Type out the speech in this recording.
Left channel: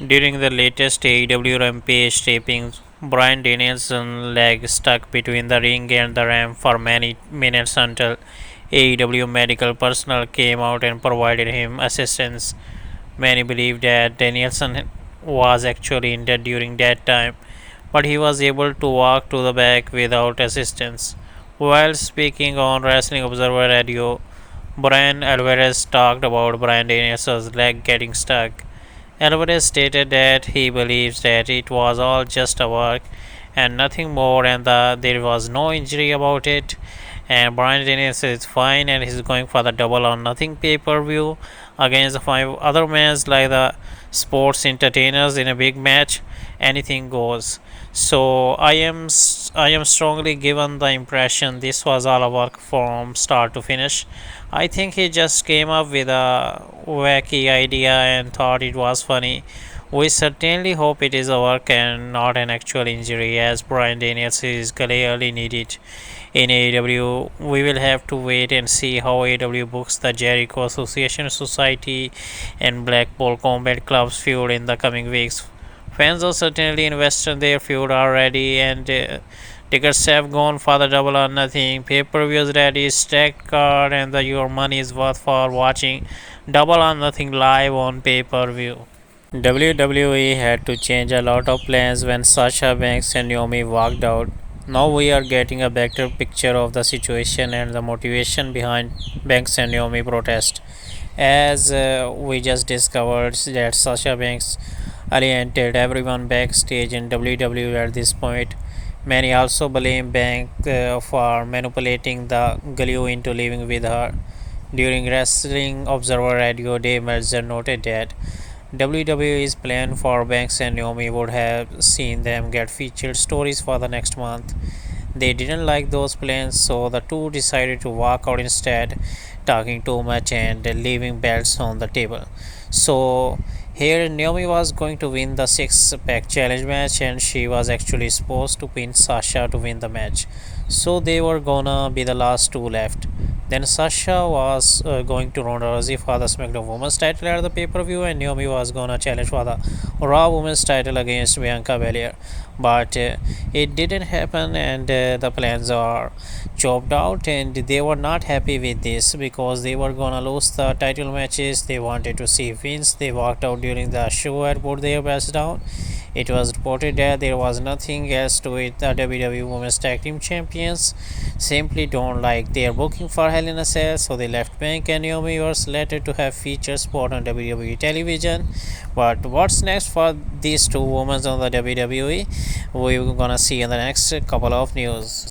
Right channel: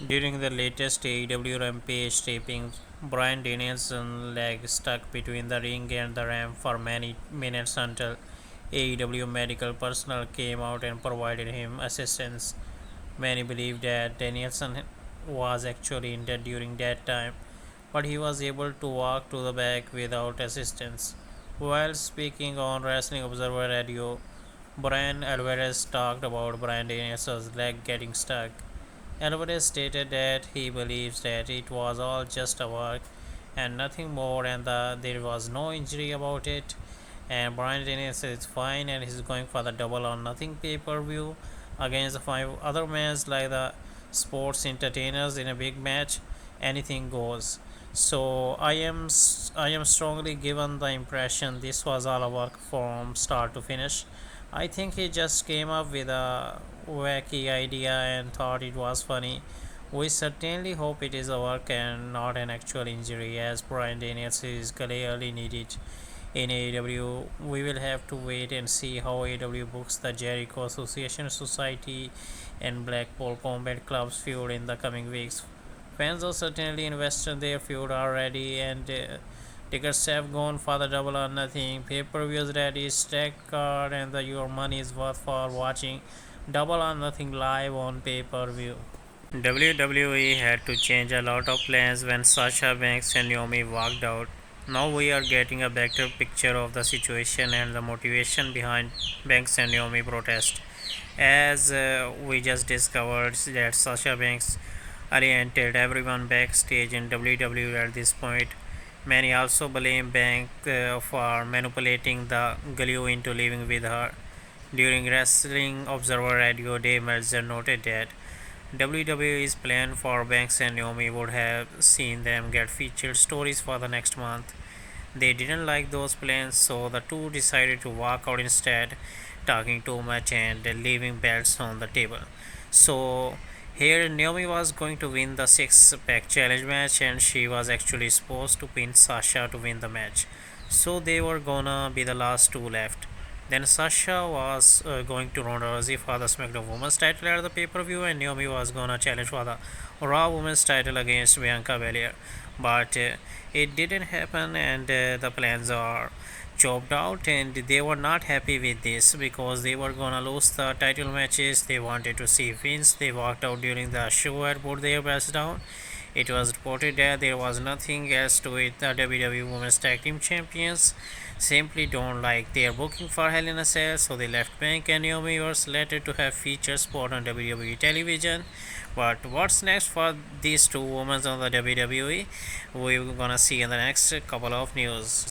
During the latest AEW Rampage tapings, Bryan Danielson's leg stuck between the ring and the ramp for many minutes until AEW medical personnel came out and provided him assistance. Many believe that Danielson was actually injured during that time, but he was able to walk to the back without assistance. While speaking on Wrestling Observer Radio, Bryan Alvarez talked about Bryan Danielson's leg getting stuck. Alvarez stated that he believes that it was all just a work and nothing more, and that there was no injury about it. And Bryan Danielson is fine and he's going for the double or nothing pay per view against the five other men like the sports entertainers in a big match. Anything goes. So I am strongly given the impression this was all a work from start to finish. I think he just came up with a wacky idea and thought it was funny. We certainly hope it is a work and not an actual injury, as Bryan Danielson is clearly needed in AEW. We will have to wait and see how AEW books the Jericho Association Society and Blackpool Combat Club's feud in the coming weeks. Fans are certainly invested in their feud already, and tickets have gone for the double or nothing. Pay per views ready, stacked card, and your money is worth for watching double or nothing live on pay per view. WWE had to change a lot of plans when Sasha Banks and Naomi walked out. Now we are getting a better picture of the situation and the motivation behind Banks and Naomi protest. As we just discovered that Sasha Banks alienated everyone backstage in WWE at this point. Many also blame Bank for manipulating the glue into living with her. During Wrestling Observer Radio, Dave Meltzer noted that WWE's plan for Banks and Naomi would have seen them get featured stories for the next month. They didn't like those plans, so the two decided to walk out instead, talking too much and leaving belts on the table. So here Naomi was going to win the six pack challenge match, and she was actually supposed to pin Sasha to win the match. So they were gonna be the last two left. Then Sasha was going to Ronda Rousey for the SmackDown Women's title at the pay per view, and Naomi was gonna challenge for the Raw Women's title against Bianca Belair. But it didn't happen, and the plans are chopped out, and they were not happy with this because they were gonna lose the title matches. They wanted to see wins. They walked out during the show and put their belts down. It was reported that there was nothing else to it. The WWE Women's Tag Team Champions simply don't like their booking for Hell in a Cell, so they left Bank and Naomi were slated to have feature spot on WWE television. But what's next for these two women on the WWE? We're gonna see in the next couple of news.